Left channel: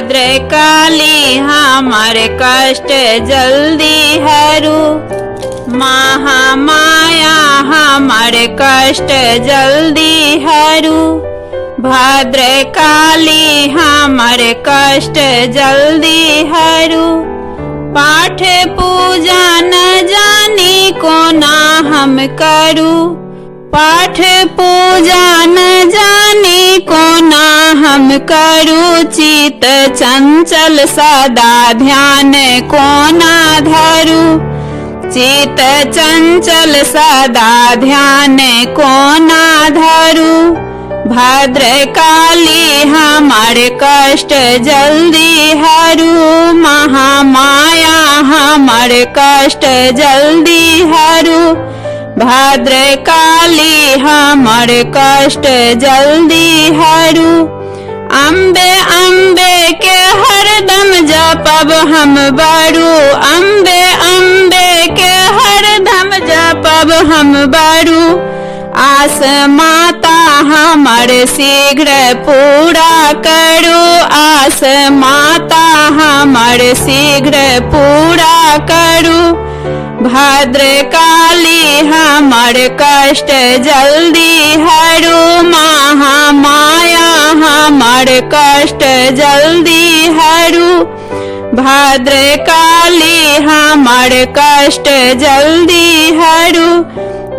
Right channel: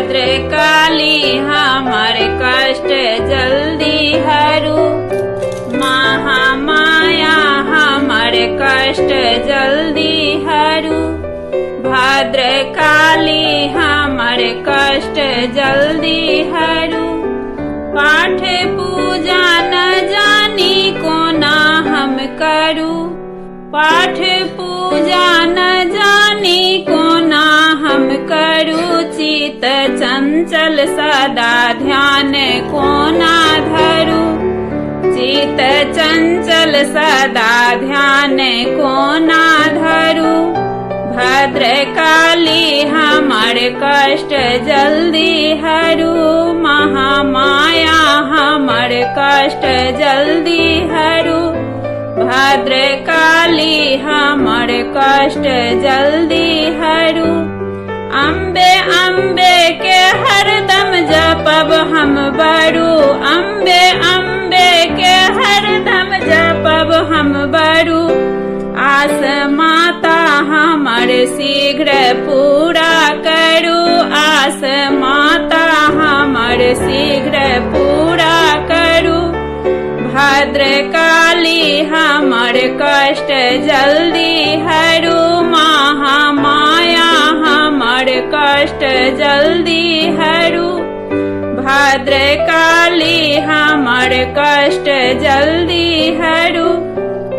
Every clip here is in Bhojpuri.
भद्रकाली हमर कष्ट जल्दी हरू। महामाया हमर कष्ट जल्दी हरू। भद्रकाली हमर कष्ट जल्दी हरू। पाठ पूजा न जानी कोना हम करू। पाठ पूजा न जानी कोना हम करू। चित चंचल सदा ध्यान कोना धरू। चित चंचल सदा ध्यान कोना धरू। भद्रकाली हमर कष्ट जल्दी हरू। महामाया हमर कष्ट जल्दी हरू। भद्रकाली हमर कष्ट जल्दी हरू। अम्बे अम्बे के हरदम जपब हम बरू। अम्बे अम्बे के हरदम जपब हम बरू। आस माता हमर शीघ्र पूरा करू। आस माता हमर शीघ्र पूरा करू। भद्रकाली हमर कष्ट जल्दी हरू। महामाया हमर कष्ट जल्दी हरू। भद्रकाली हमर कष्ट जल्दी हरू।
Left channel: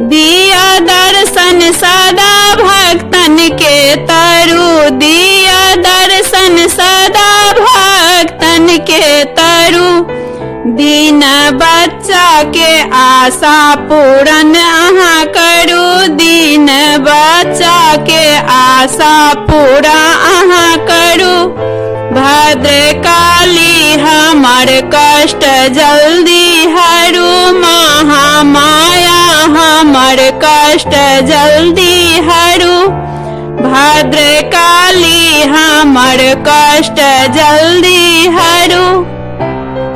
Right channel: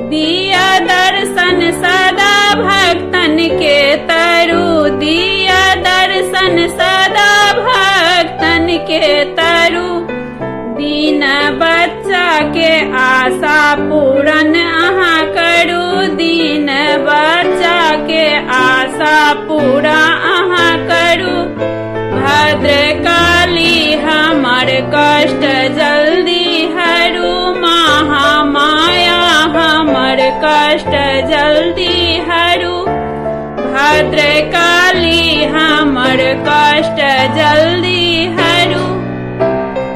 दिया दर्शन सदा भक्तन के तरु। दिया दर्शन सदा भक्तन के तरु। दीन बच्चा के आशा पूरन अहाँ करू। दीन बच्चा के आशा पूरा अहाँ करू। भद्रकाली हमर कष्ट जल्दी हरू। महामाया हमर कष्ट जल्दी हरू। भद्रकाली हमर कष्ट जल्दी हरू।